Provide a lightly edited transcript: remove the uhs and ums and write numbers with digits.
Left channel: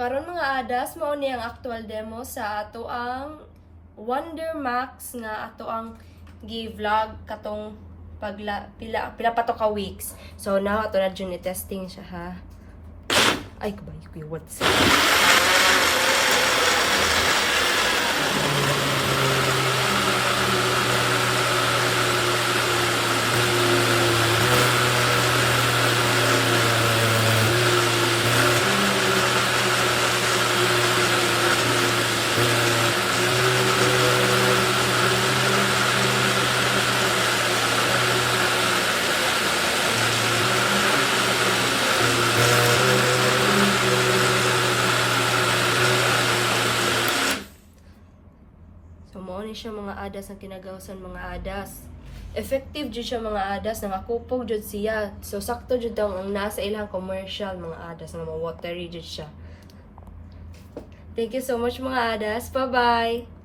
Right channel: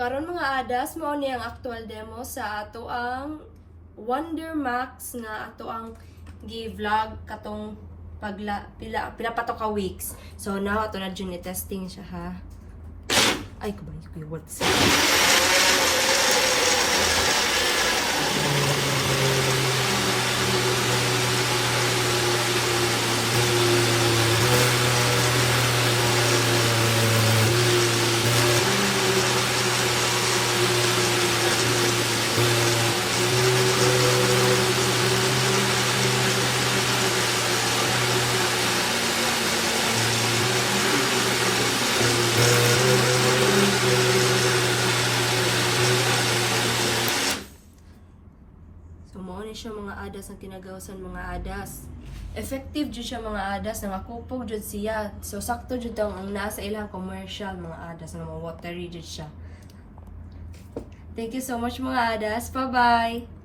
Karon mga adas, mao ni ang actual demo sa ato ang Wonder Max nga ato ang gi-vlog katong pila pa to ka weeks. So now ato na dyan i-testing siya ha. Ay kabay ko yung what's So, mao ni siya mga adas ang kinagawsan mga adas. Effective jud siya mga adas, nangakupog jud siya. So, sakto jud ang nasa ilang commercial mga adas, nga mga watery jud siya. Thank you so much mga adas. Bye-bye!